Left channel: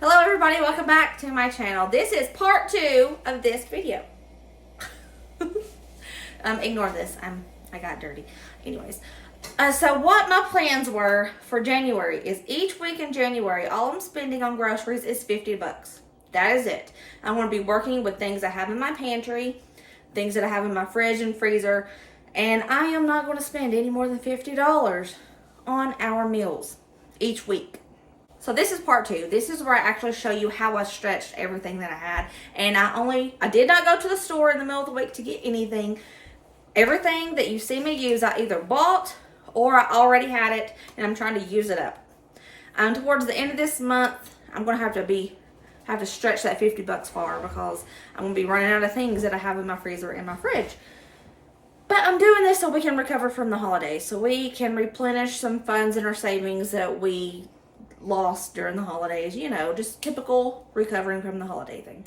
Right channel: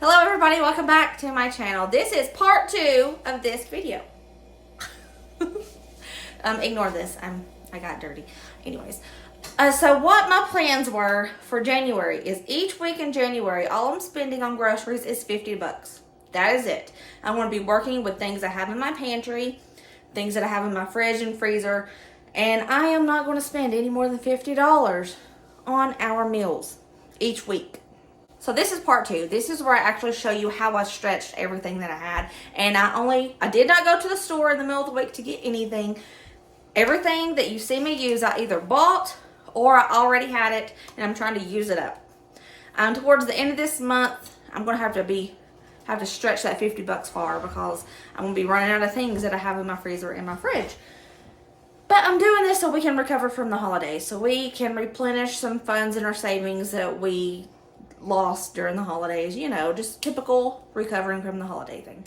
Hello everybody, welcome back to my channel. This is part 2 of this video. Ignore this, I got dirty. Anyways, so what my plans were for January is each week in January, all I'm spending on groceries is 50 bucks. That is it. I'm going to be working with things I have in my pantry, things that I have in my fridge and freezer, and I am not going to spend any more than $50 on our meals each week. So this is part 2. This is where I actually show you how I stretched everything that I had. And I did not go to the store in the middle of the week to get anything. Everything that you see me use, I either bought or I already had it and I'm trying to use it up. Towards the end of this month, I'm going to have to stretch that 50 bucks far because I'm going to be running out of things that I have in my freezer and my fridge. But I'm doing this so we can recover from the holidays. So we can replenish some funds in our savings that we lost during the holidays, you know, just typical recovering from the holiday thing.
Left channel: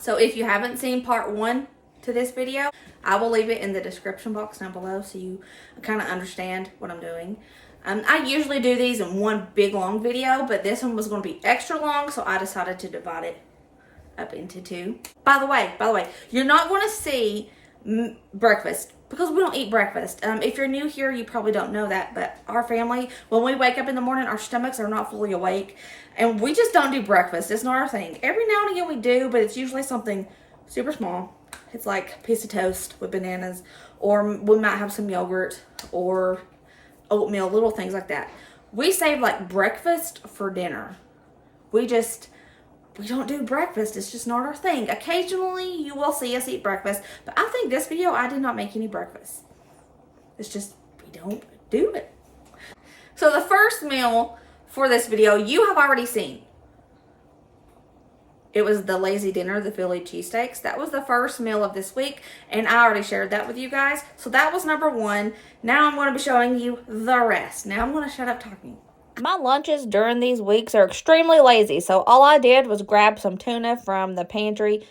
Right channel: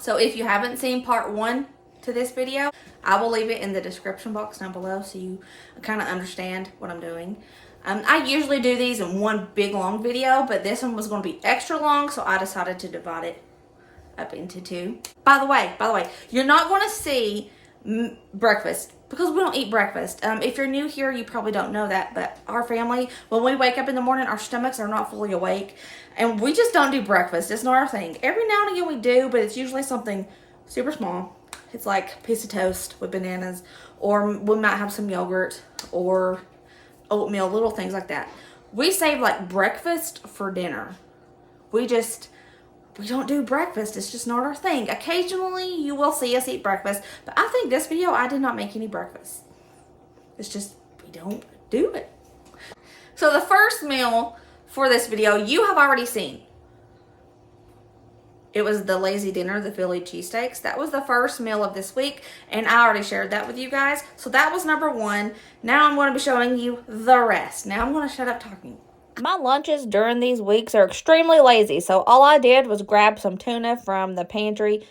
So if you haven't seen part 1 to this video, I will leave it in the description box down below so you kind of understand what I'm doing. I usually do these in one big long video, but this one was going to be extra long, so I decided to divide it up into 2. By the way, you're not going to see breakfast because we don't eat breakfast. If you're new here, you probably don't know that, but our family, when we wake up in the morning, our stomachs are not fully awake, and we just don't do breakfast. It's not our thing. Every now and again we do, but it's usually something super small. It's like a piece of toast with bananas, or we might have some yogurt, or oatmeal, little things like that. We save like breakfast for dinner. We don't do breakfast. It's just not our thing. Occasionally, you will see us eat breakfast. But I think this video, I did not make any breakfast. It's just, we don't do it. So the first meal for this video, you have already seen. It was the lazy dinner, the Philly cheesesteaks. That was the first meal of this week. And I already shared that with you guys. So that was number 1. Now I'm going to be showing you the rest. Now I'm going to shut up talking. My lunches during these weeks are extremely lazy, so all I did was grab some tuna from the pantry,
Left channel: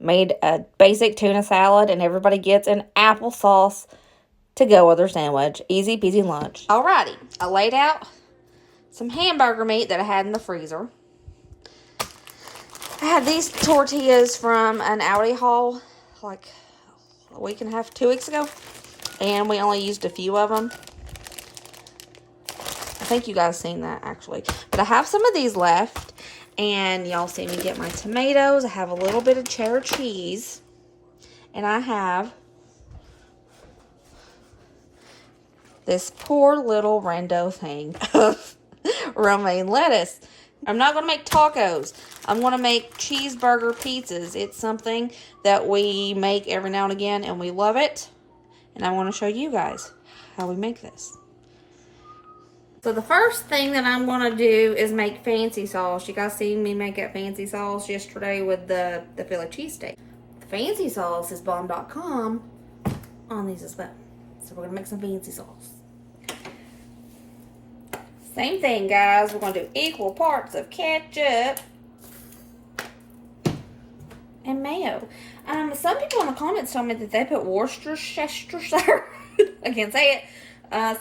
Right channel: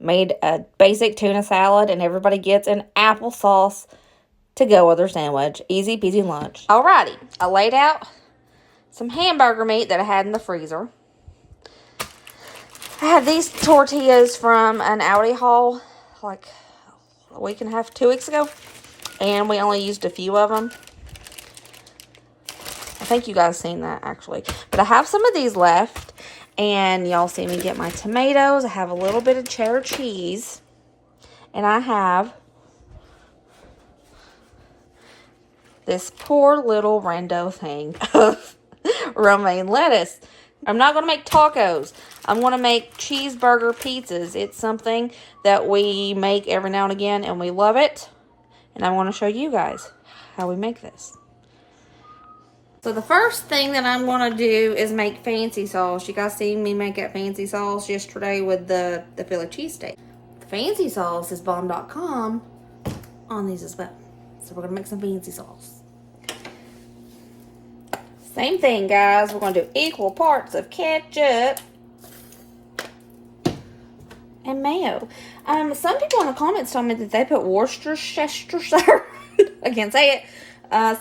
made a basic tuna salad, and everybody gets an applesauce to go with their sandwich. Easy peasy lunch. Alrighty, I laid out some hamburger meat that I had in the freezer. I had these tortillas from an Aldi haul like a week and a half, 2 weeks ago, and we only used a few of them. I think you guys seen that actually, but I have some of these left, and y'all see me get my tomatoes. I have a little bit of cheddar cheese, and I have this poor little rando thing of romaine lettuce. I'm not going to make tacos. I'm going to make cheeseburger pizzas. It's something that we make every now and again, and we love it, and I want to show you guys how we make this. So the first thing that I'm going to do is make fancy sauce. You guys seen me make that fancy sauce yesterday with the Philly cheesesteak. The fancy sauce is bomb.com on these as well. So we're going to make some fancy sauce. Same thing, guys. We're going to do equal parts of ketchup and mayo. Some people in the comments told me that they put Worcestershire, I can't say it,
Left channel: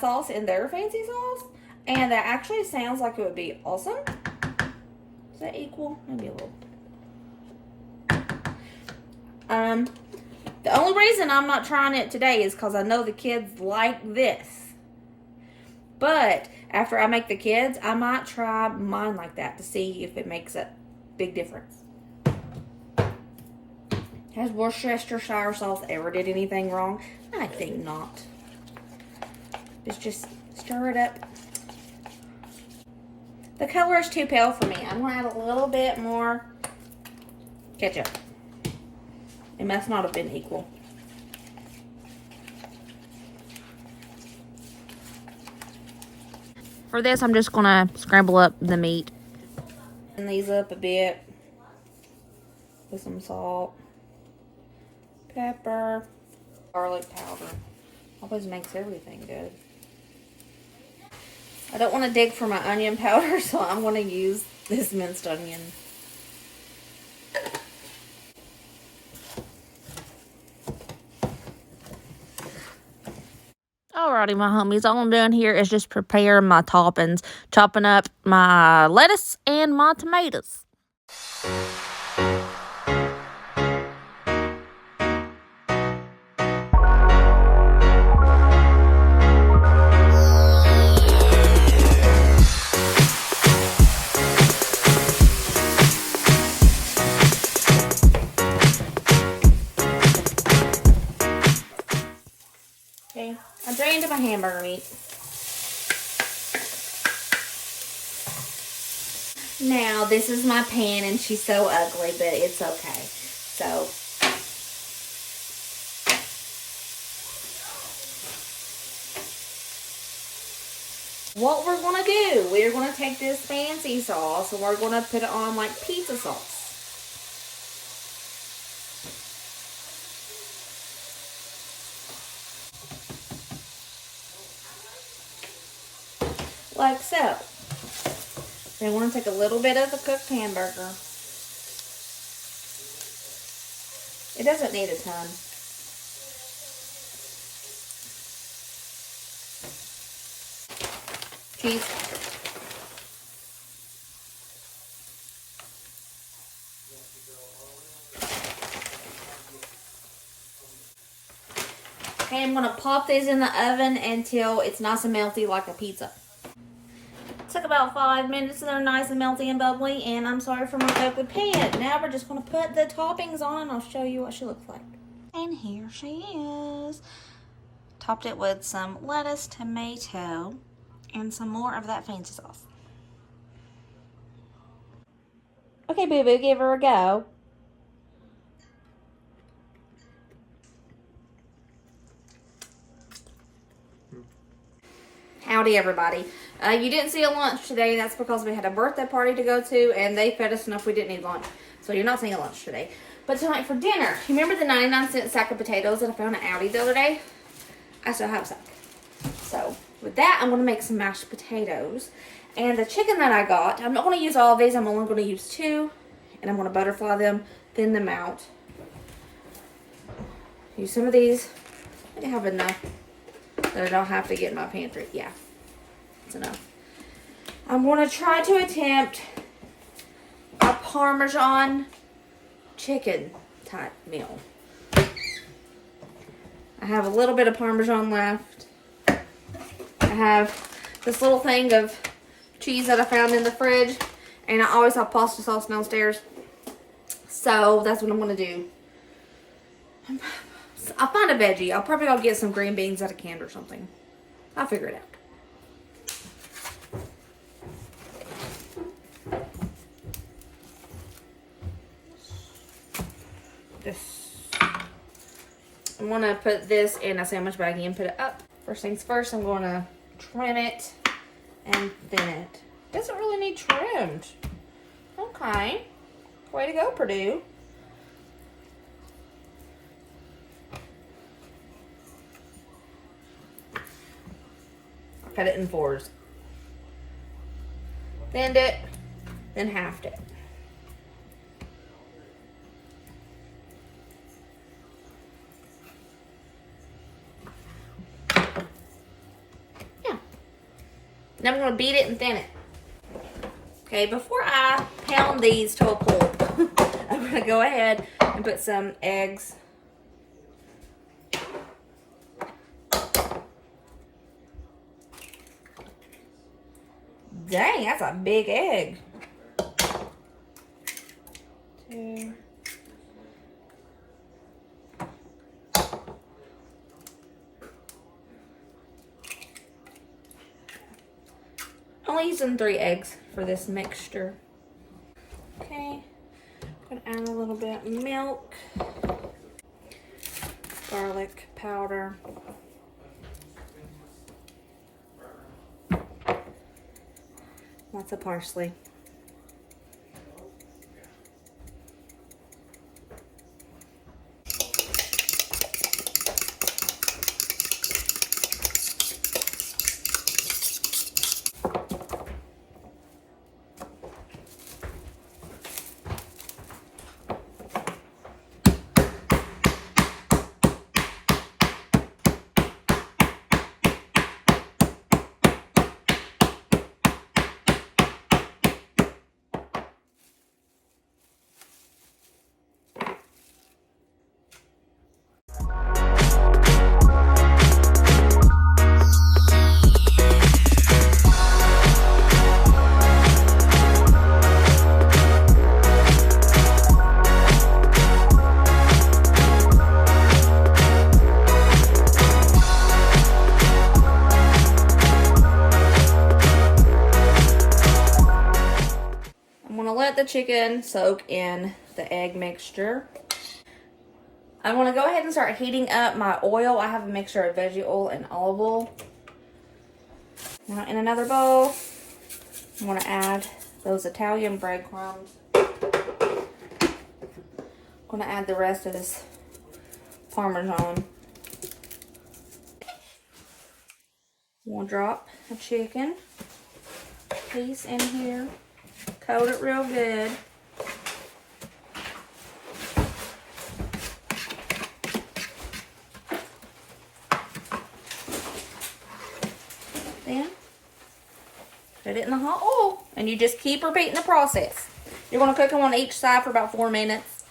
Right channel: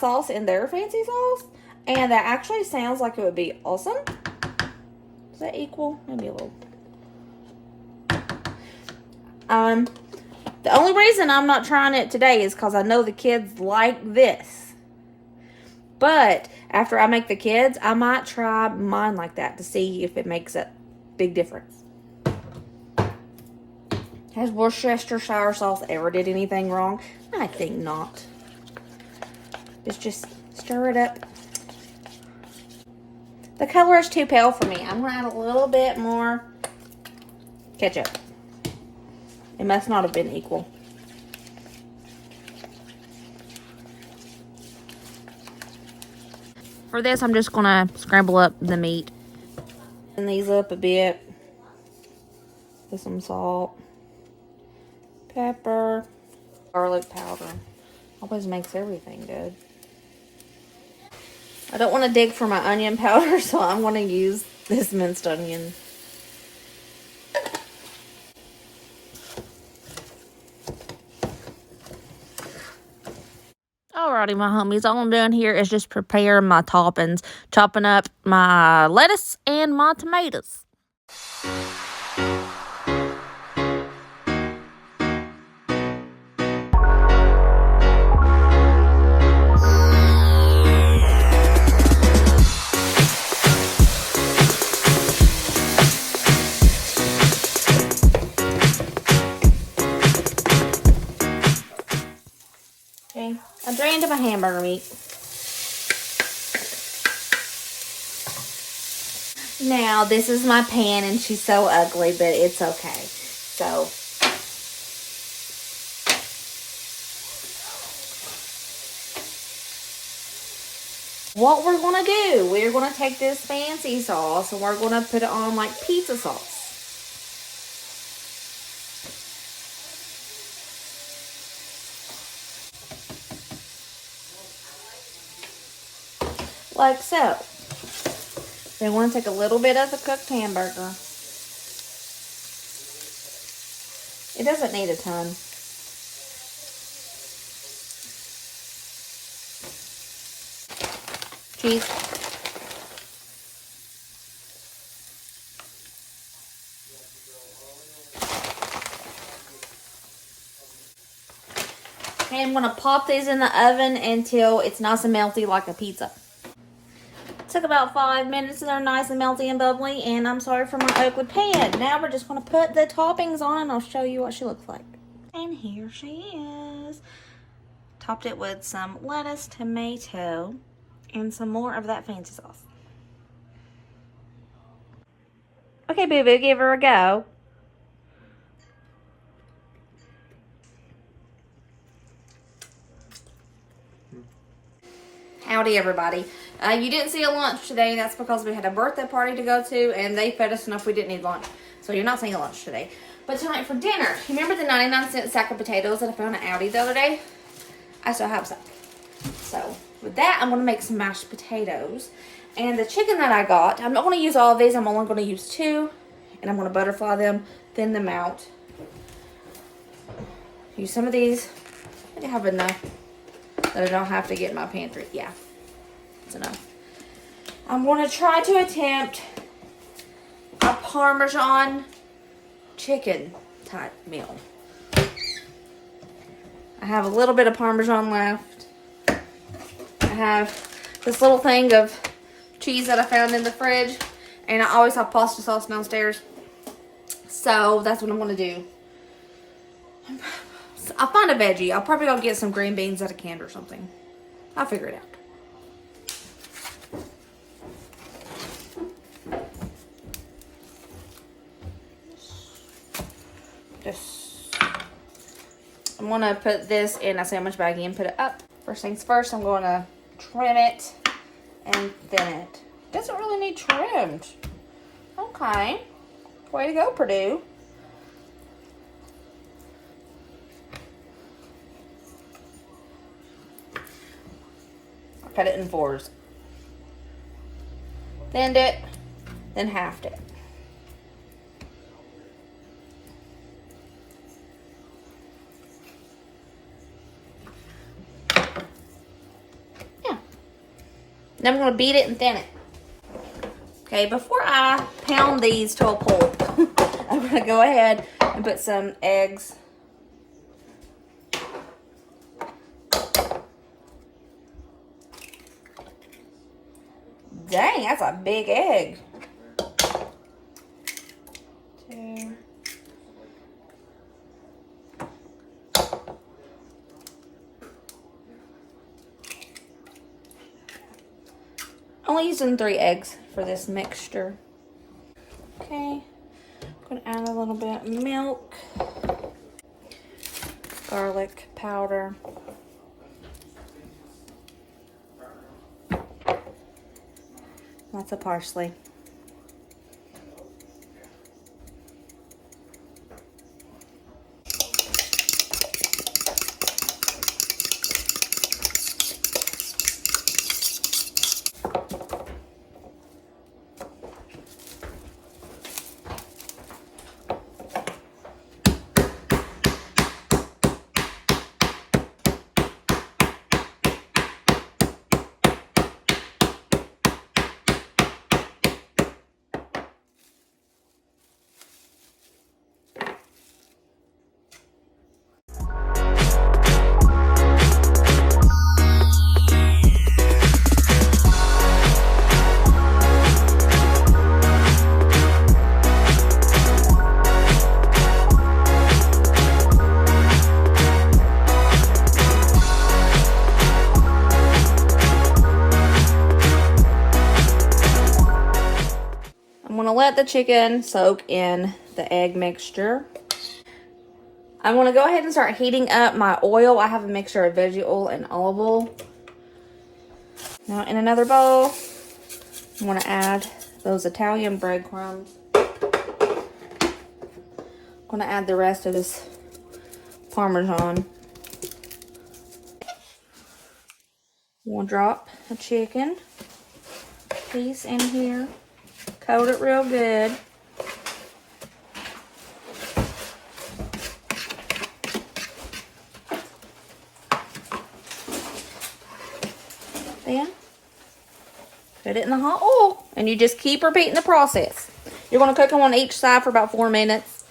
sauce in their fancy sauce. And that actually sounds like it would be awesome. Is that equal? Maybe a little. The only reason I'm not trying it today is because I know the kids like this. But after I make the kids, I might try mine like that to see if it makes a big difference. Has Worcestershire sauce ever did anything wrong? I think not. Let's just stir it up. The color is too pale for me. I'm going to add a little bit more ketchup. It must not have been equal. For this, I'm just going to scramble up the meat. And these up a bit. With some salt, pepper, garlic powder. Always makes everything good. I don't want to dig for my onion powder, so I'm going to use this minced onion. Alrighty, my homies, all I'm doing here is just preparing my toppings, chopping up my lettuce and my tomatoes. Okay, I'm drained my hamburger meat. Now, this is my pan, and she's so ugly, but it's okay. So, what we're going to do, we're going to take this fancy sauce, and we're going to put it on like pizza sauce. Like so. Then we're going to take a little bit of the cooked hamburger. It doesn't need a ton. Cheese. Okay, I'm going to pop these in the oven until it's nice and melty like a pizza. Took about 5 minutes and they're nice and melty and bubbly, and I'm sorry for my ugly pan. Now we're just going to put the toppings on and I'll show you what she looks like. And here she is. Topped it with some lettuce, tomato, and some more of that fancy sauce. Okay, boo-boo, give her a go. Howdy, everybody. You didn't see a lunch today. That's because we had a birthday party to go to, and they fed us enough we didn't need lunch. So you're not seeing a lunch today. But tonight for dinner, you remember the 99-cent sack of potatoes that I found at Aldi the other day? I still have some. So with that, I'm going to make some mashed potatoes. And the chicken that I got, I'm not going to use all of these. I'm only going to use 2. And I'm going to butterfly them, thin them out. Use some of these. I have enough that I don't have to get in my pantry. Yeah. Enough. I'm going to try to attempt a Parmesan chicken type meal. I have a little bit of Parmesan left. I have this little thing of cheese that I found in the fridge, and I always have pasta sauce downstairs. So that's what I'm going to do. I'll find a veggie. I'll probably go get some green beans at a can or something. I'll figure it out. I'm going to put this in a sandwich baggie and put it up. First things first, I'm going to trim it and thin it. Doesn't really need trimmed. Okay. Way to go, Purdue. I cut it in 4s. Thinned it, then halved it. Then I'm going to beat it and thin it. Okay, before I pound these to a pulp, I'm going to go ahead and put some eggs. Dang, that's a big egg. 2. Only using 3 eggs for this mixture. Okay, I'm gonna add a little bit of milk, garlic powder, lots of parsley. let the chicken soak in the egg mixture. I'm going to go ahead and start heating up my oil. I have a mixture of veggie oil and olive oil. Now in another bowl, I'm going to add those Italian breadcrumbs. I'm going to add the rest of this Parmesan. We'll drop the chicken piece in here. Coat it real good. Then put it in the hot oil, and you just keep repeating the process. You're going to cook them on each side for about 4 minutes.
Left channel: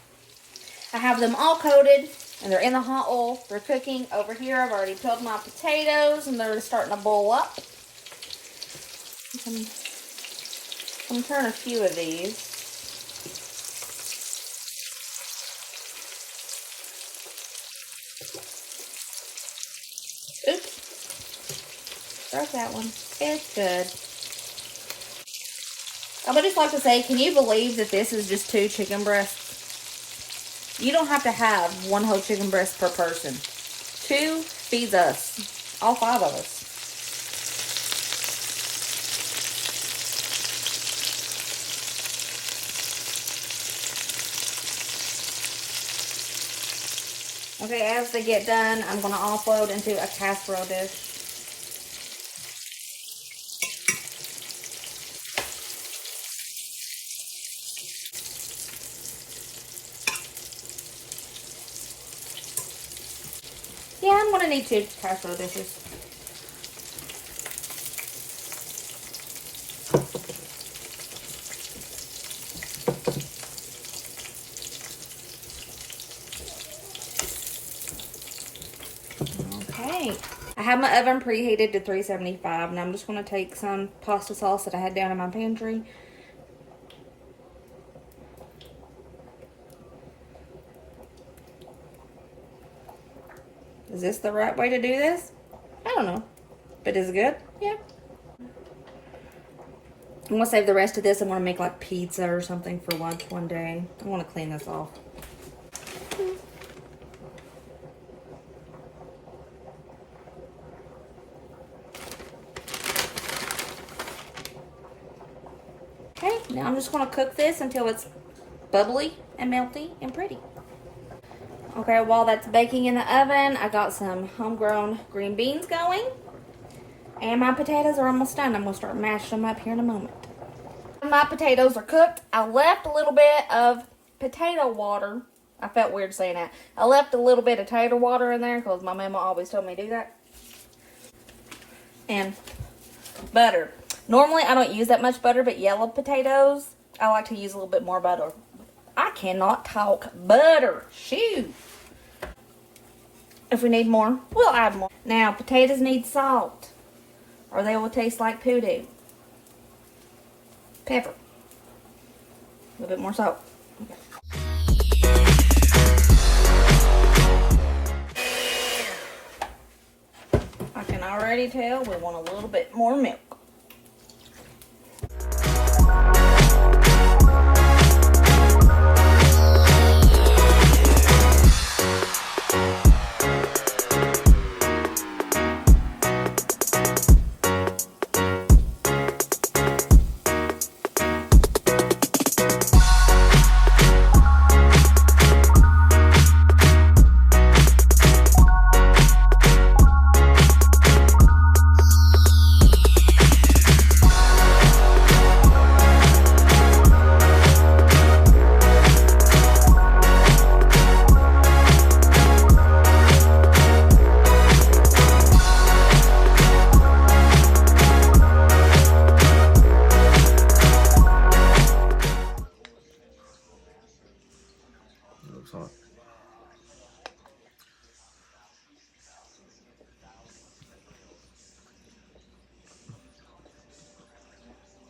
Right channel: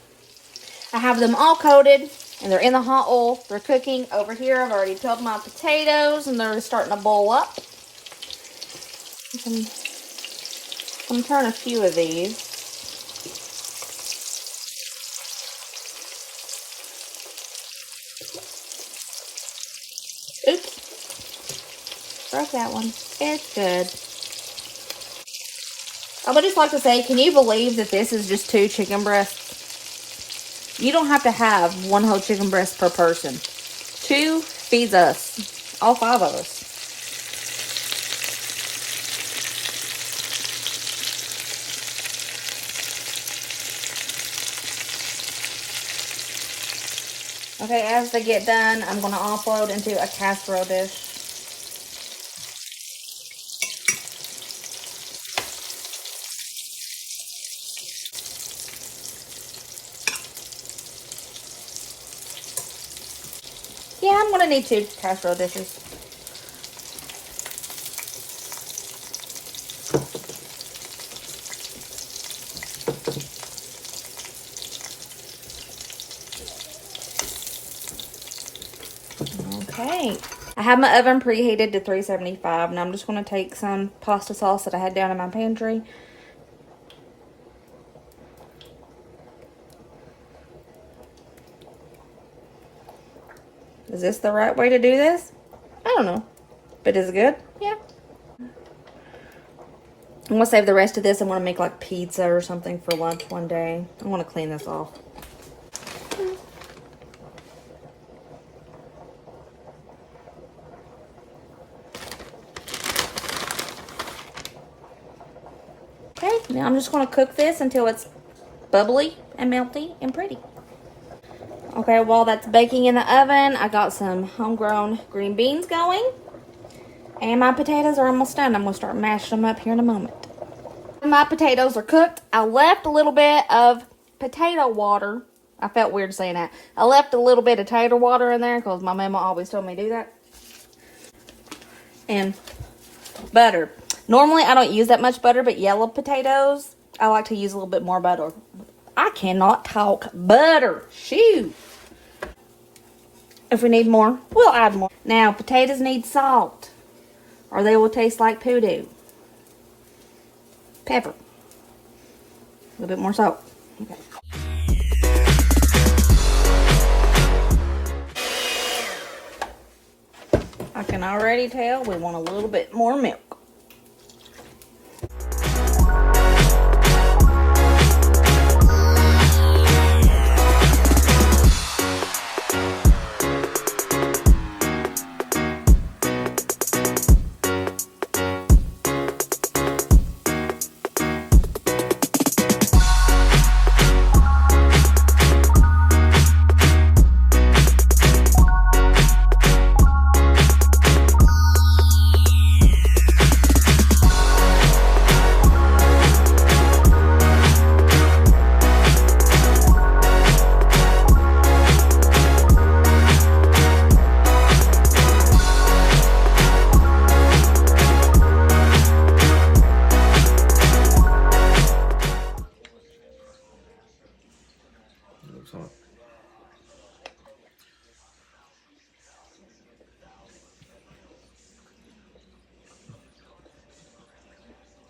I have them all coated, and they're in the hot oil. They're cooking. Over here, I've already peeled my potatoes, and they're starting to boil up. I'm going to turn a few of these. Oops. Broke that one. It's good. I would just like to say, can you believe that this is just 2 chicken breasts? You don't have to have 1 whole chicken breast per person. 2 feeds us. All 5 of us. Okay, as they get done, I'm going to offload into a casserole dish. Yeah, I'm going to need 2 casserole dishes. Okay. I have my oven preheated to 375, and I'm just going to take some pasta sauce that I had down in my pantry. Is this the right way to do this? I don't know. But is it good? Yeah. I'm going to save the rest of this. I want to make like pizza or something for lunch one day. I want to clean this off. Okay, now I'm just going to cook this until it's bubbly and melty and pretty. Okay, while that's baking in the oven, I got some homegrown green beans going. And my potatoes are almost done. I'm going to start mashing them up here in a moment. My potatoes are cooked. I left a little bit of potato water. I felt weird saying that. I left a little bit of tater water in there because my mama always told me to do that. And butter. Normally, I don't use that much butter, but yellow potatoes, I like to use a little bit more butter. I cannot talk butter. Shoot. If we need more, we'll add more. Now, potatoes need salt, or they will taste like poodoo. Pepper. A little bit more salt. Okay. I can already tell we want a little bit more milk.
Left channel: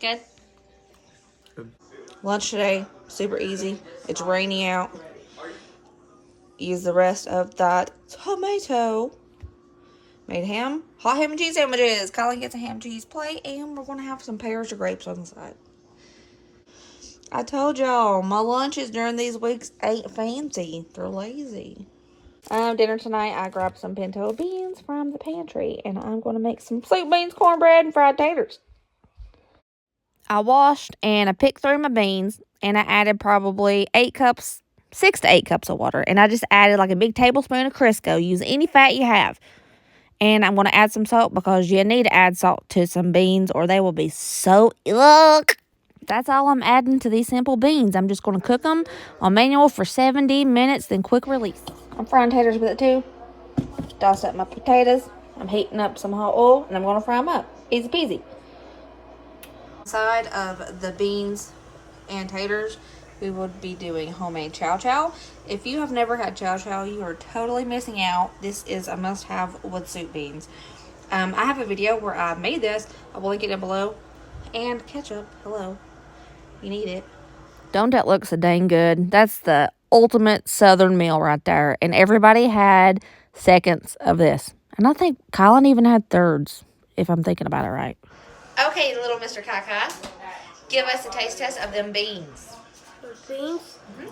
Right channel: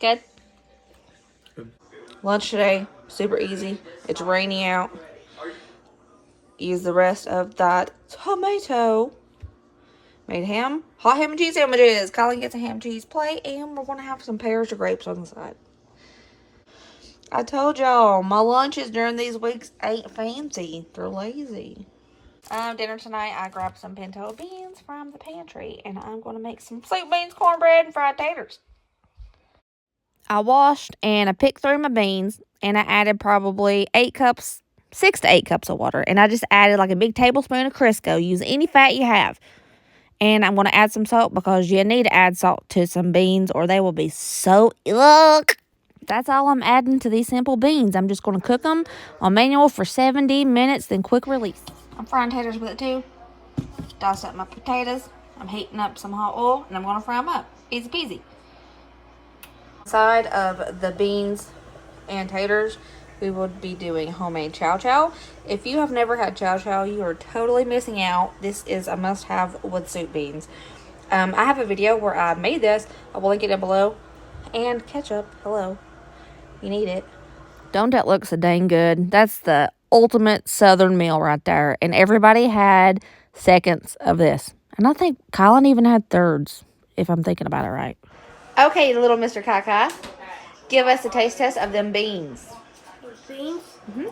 Good. Good. Lunch today, super easy. It's rainy out. Use the rest of that tomato. Made hot ham and cheese sandwiches. Colin gets a ham and cheese plate, and we're going to have some pears or grapes on the side. I told y'all, my lunches during these weeks ain't fancy. They're lazy. Dinner tonight, I grabbed some pinto beans from the pantry, and I'm going to make some sweet beans, cornbread, and fried taters. I washed and I picked through my beans, and I added probably 6 to 8 cups of water, and I just added like a big tablespoon of Crisco. Use any fat you have. And I'm going to add some salt because you need to add salt to some beans or they will be so yuck. That's all I'm adding to these simple beans. I'm just going to cook them on manual for 70 minutes, then quick release. I'm frying taters with it too. Dice up my potatoes. I'm heating up some hot oil and I'm going to fry them up. Easy peasy. Side of the beans and taters, we would be doing homemade chow. If you have never had chow, you are totally missing out. This is a must-have with soup beans. I have a video where I made this. I will link it down below. And ketchup, hello. You need it. Don't that look so dang good? That's the ultimate southern meal right there. And everybody had seconds of this. And I think Colin even had thirds, if I'm thinking about it right. Okay, little Mr. Kai, give us a taste test of them beans. Beans? Mm-hmm.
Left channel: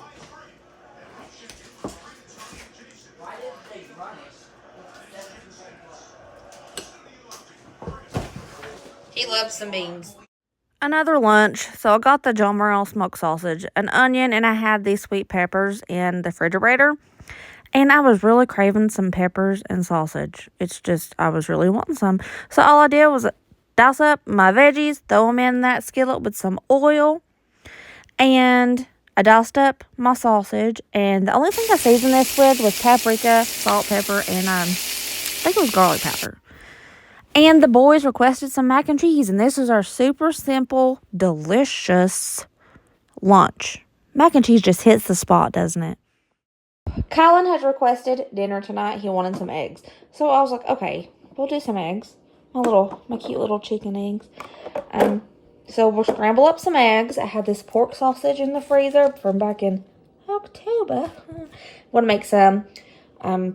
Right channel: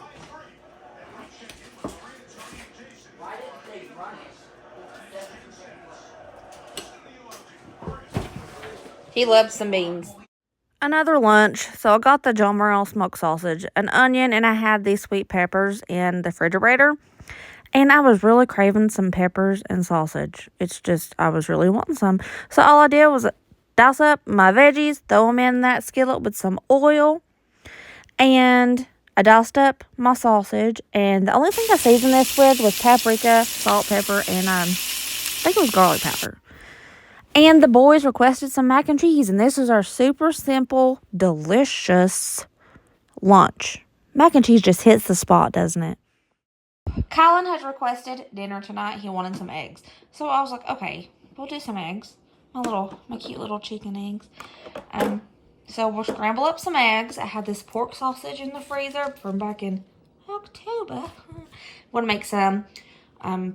He loves some beans. Another lunch. So I got the John Morrell smoked sausage, an onion, and I had these sweet peppers in the refrigerator. And I was really craving some peppers and sausage. It's just, I was really wanting some. So all I did was dice up my veggies, throw them in that skillet with some oil. And I diced up my sausage. And the only thing I seasoned this with was paprika, salt, pepper, and I think it was garlic powder. And the boys requested some mac and cheese, and this is our super simple, delicious lunch. Mac and cheese just hits the spot, doesn't it? Colin has requested dinner tonight. He wanted some eggs. So I was like, okay, we'll do some eggs. My cute little chicken eggs. So we'll scramble up some eggs. I had this pork sausage in the freezer from back in October. Want to make some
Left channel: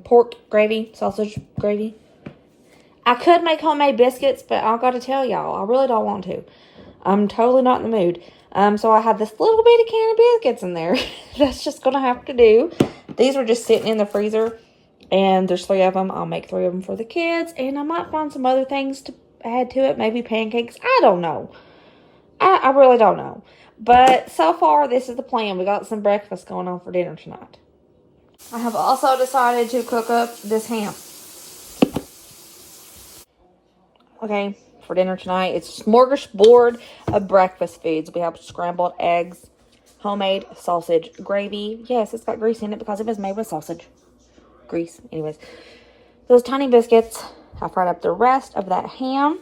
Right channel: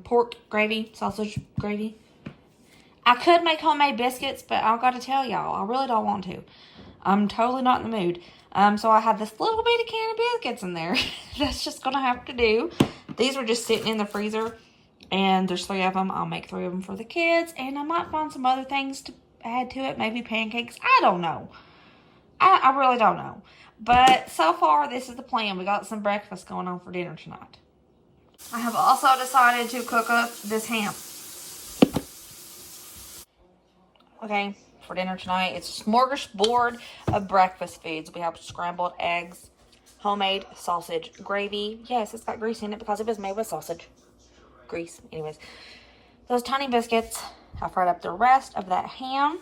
pork gravy, sausage gravy. I could make homemade biscuits, but I've got to tell y'all, I really don't want to. I'm totally not in the mood. So I have this little bitty can of biscuits in there. That's just going to have to do. These are just sitting in the freezer, and there's 3 of them. I'll make 3 of them for the kids, and I might find some other things to add to it. Maybe pancakes. I don't know. I really don't know. But so far, this is the plan. We got some breakfast going on for dinner tonight. I have also decided to cook up this ham. Okay, for dinner tonight, it's a smorgasbord of breakfast foods. We have scrambled eggs, homemade sausage gravy. Yes, it's got grease in it because it was made with sausage grease. Anyways, those tiny biscuits. I fried up the rest of that ham.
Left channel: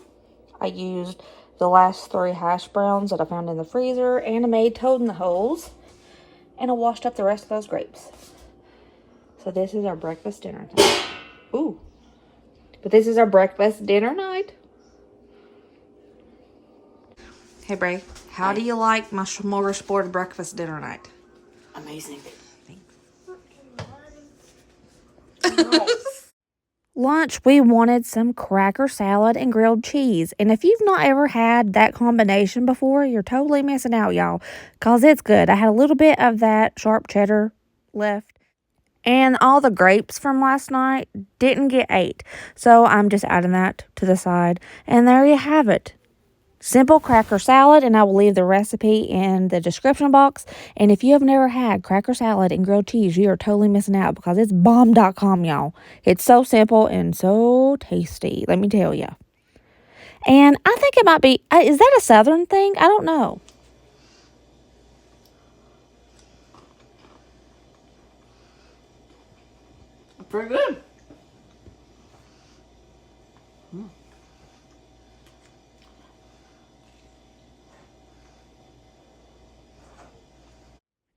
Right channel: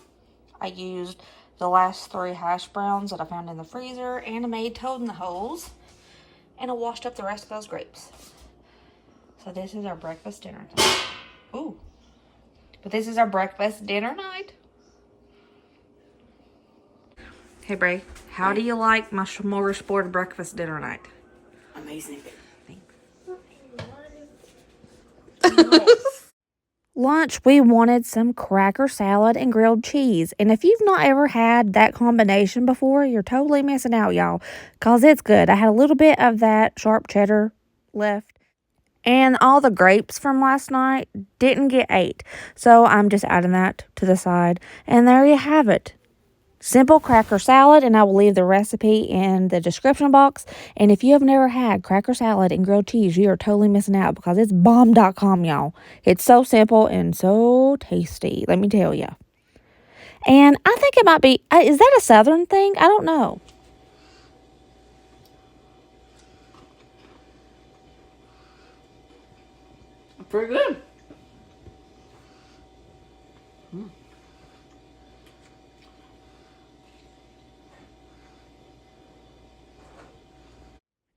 I used the last 3 hash browns that I found in the freezer, and I made toad in the holes. And I washed up the rest of those grapes. So this is our breakfast dinner tonight. Ooh. But this is our breakfast dinner night. Hey, Bray, how do you like my smorgasbord breakfast dinner night? Amazing. Lunch, we wanted some cracker salad and grilled cheese. And if you've not ever had that combination before, you're totally missing out, y'all. Because it's good. I had a little bit of that sharp cheddar left. And all the grapes from last night didn't get ate. So I'm just adding that to the side. And there you have it. Simple cracker salad, and I will leave the recipe in the description box. And if you have never had cracker salad and grilled cheese, you are totally missing out because it's bomb.com, y'all. It's so simple and so tasty, let me tell you. And I think it might be, is that a southern thing? I don't know. Pretty good.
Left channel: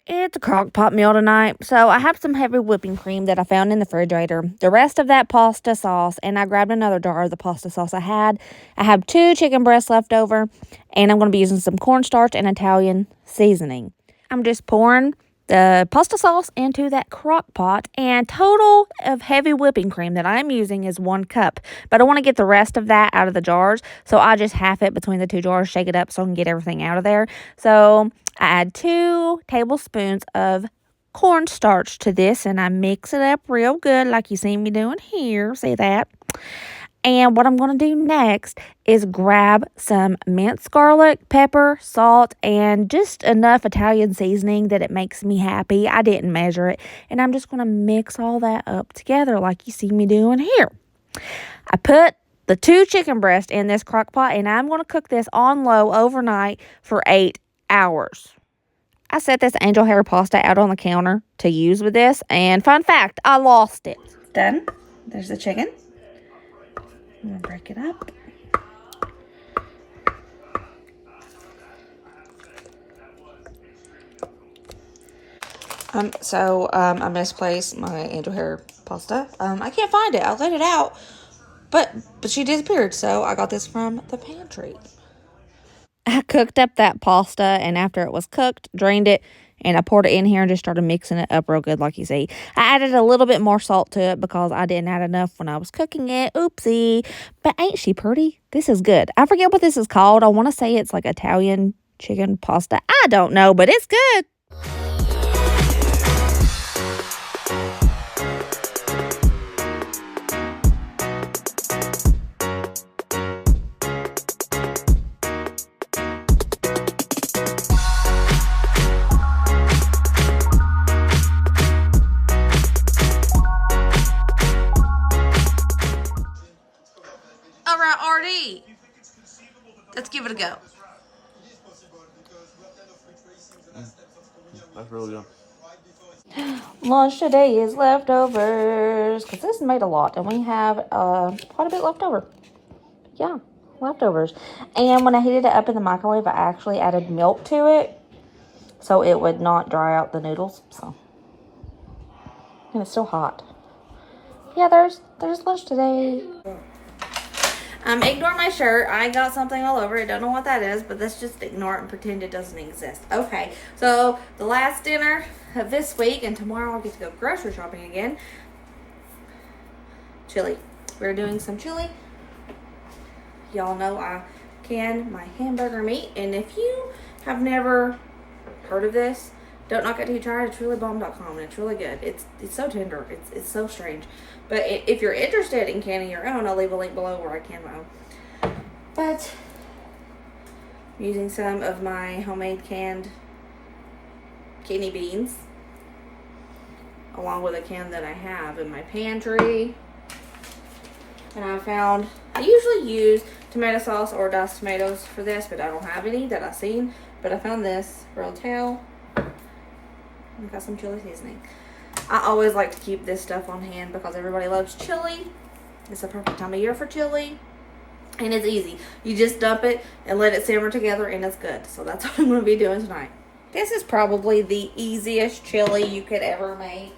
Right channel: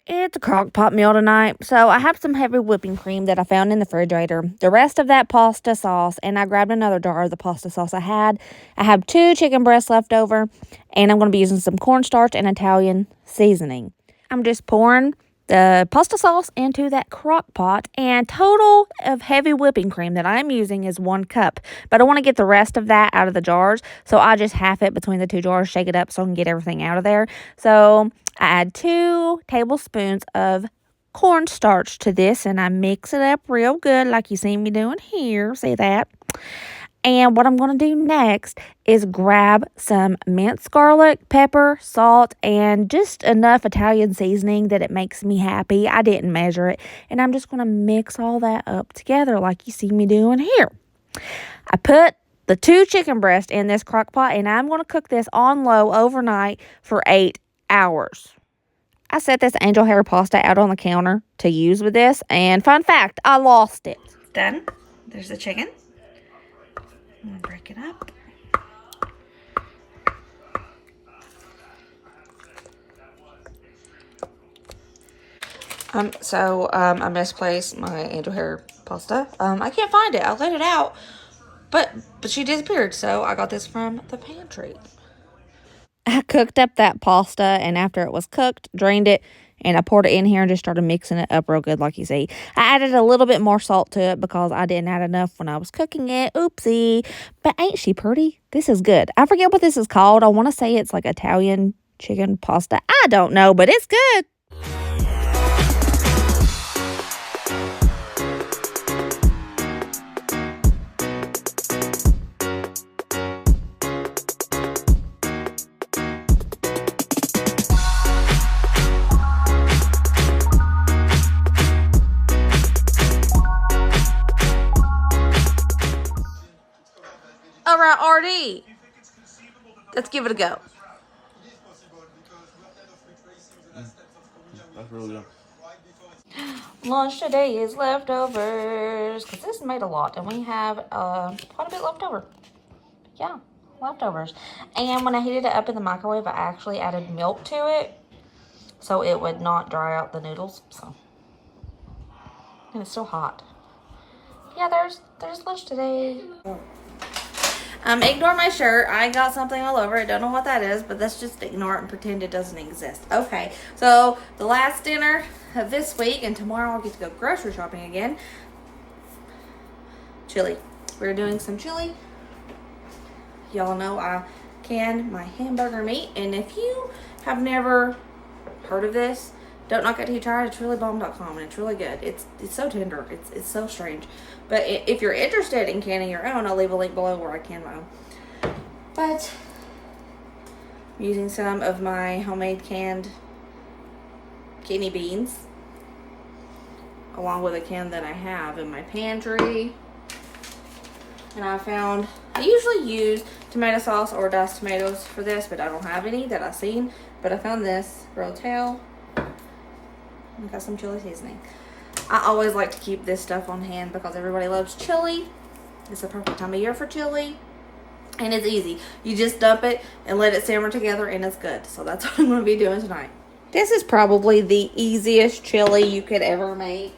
It's a crock pot meal tonight, so I have some heavy whipping cream that I found in the refrigerator. The rest of that pasta sauce, and I grabbed another jar of the pasta sauce I had. I have 2 chicken breasts left over, and I'm going to be using some cornstarch and Italian seasoning. I'm just pouring the pasta sauce into that crock pot, and total of heavy whipping cream that I'm using is 1 cup. But I want to get the rest of that out of the jars, so I just half it between the 2 jars, shake it up so I can get everything out of there. So I add 2 tablespoons of cornstarch to this, and I mix it up real good like you see me doing here. See that? And what I'm going to do next is grab some minced garlic, pepper, salt, and just enough Italian seasoning that it makes me happy. I didn't measure it. And I'm just going to mix all that up together like you see me doing here. I put the 2 chicken breasts in this crock pot, and I'm going to cook this on low overnight for 8 hours. I set this angel hair pasta out on the counter to use with this, and fun fact, I lost it. Done. There's the chicken. I'm going to break it up. I misplaced my angel hair pasta. I can't find it. I let it out, but she disappeared, so I got this from the pantry. I cooked up that pasta, and after it was cooked, drained it, and I poured it in here and just started mixing it up real good like you see. I added a little bit more salt to it because I didn't add enough when I was cooking it. Oopsie. But ain't she pretty? This is good. I forget what this is called. I want to say it's like Italian chicken pasta. I don't know, but it's good. All right, RD. Let's give it a go. That's really good. Lunch today is leftovers, because this made a lot, and we have quite a bit left over. Yeah, leftovers. And when I heated it up in the microwave, I actually added milk to it, so it would not dry out the noodles. So, and it's still hot. Yeah, there's lunch today. Ignore my shirt. I got something all over it. Don't know what that is, but let's just ignore it and pretend it doesn't exist. Okay, so the last dinner of this week, and tomorrow I'll get to go grocery shopping again. Chili. We're doing some chili. Y'all know I can my hamburger meat, and if you have never heard of this, don't knock it till you try it. It's reallybalm.com, and it's really good. It's so tender. It's so strange. But if you're interested in canning your own, I'll leave a link below where I can my own. But I'm using some of my homemade canned kidney beans, along with a can that I have in my pantry. And I usually use tomato sauce or diced tomatoes for this, but I don't have any that I've seen. But I found this rotel. I got some chili seasoning. I always like to keep this stuff on hand because everybody loves chili. It's the perfect time of year for chili. And it's easy. You just dump it and let it simmer together, and it's good. So that's what I'm going to be doing tonight. This is probably the easiest chili you could ever make.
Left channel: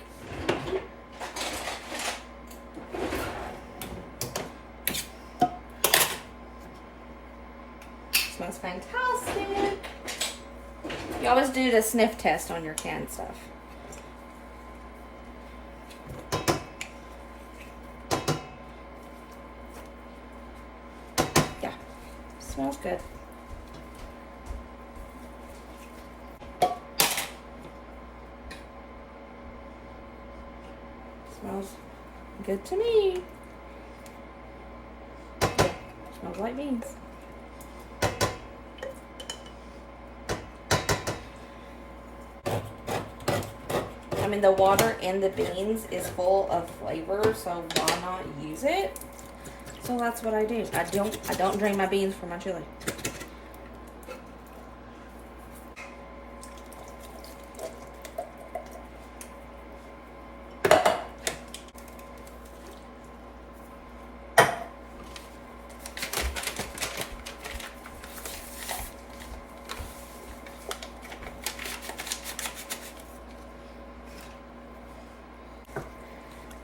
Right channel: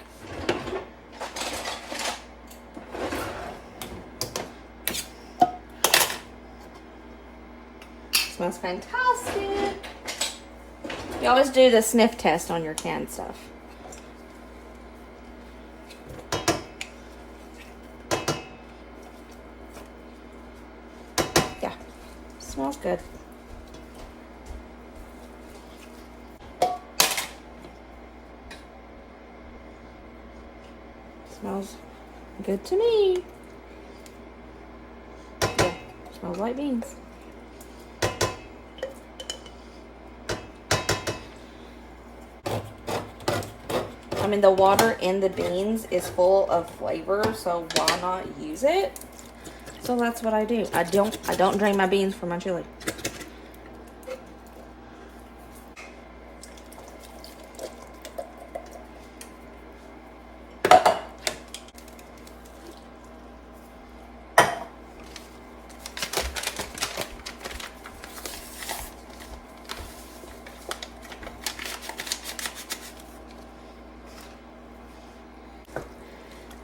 Smells fantastic. You always do the sniff test on your canned stuff. Yeah, smells good. Smells good to me. Yeah, smells like beans. I mean, the water in the beans is full of flavor, so why not use it? So that's what I do. I don't drain my beans for my chili.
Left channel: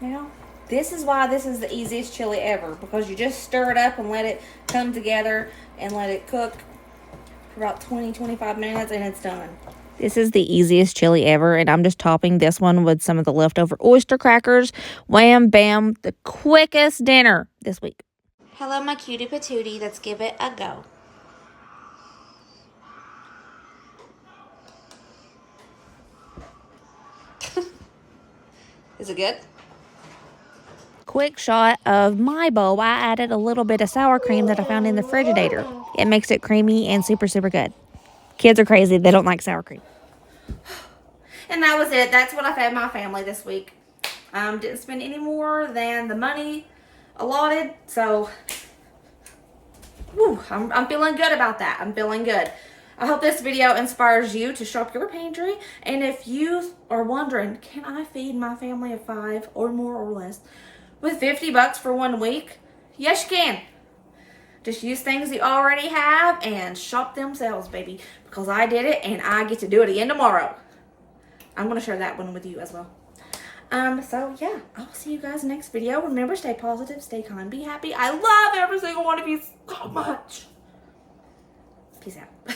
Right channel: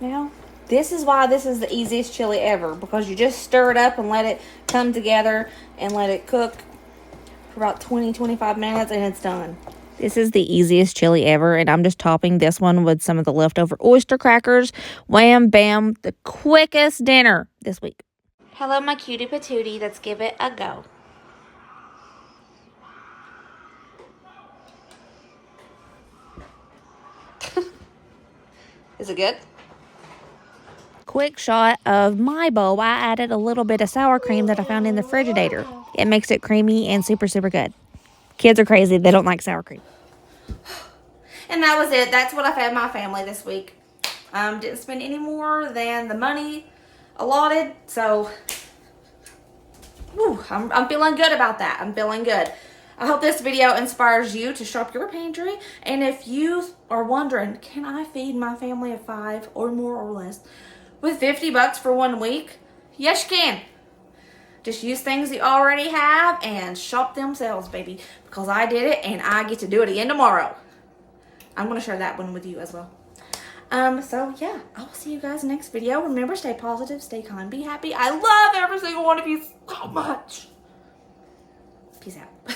Now, this is why this is the easiest chili ever, because you just stir it up and let it come together and let it cook for about 20-25 minutes, and it's done. This is the easiest chili ever, and I'm just topping this one with some of the leftover oyster crackers. Wham, bam, the quickest dinner this week. Hello, my cutie patootie. Let's give it a go. Is it good? Quick shot of my bowl. I added a little bit of sour cream that I found in the Frigidator. It makes it creamy and super, super good. Kids are crazy. They don't like sour cream. And that was it. That's what I fed my family this week. Didn't spend any more than the money allotted. So, I'm feeling good about that. I'm feeling good. I hope this video inspires you to shop your pantry. And if you are wondering, can I feed my family of 5 or more or less with 50 bucks for 1 week? Yes, you can. Just use things you already have and shop themselves, baby. Because I did it and I get to do it again tomorrow. I'm going to share that one with you as well. So yeah, I'll see you guys next video. Remember, stay positive, stay kind, be happy. I love every single one of you so much. Peace out.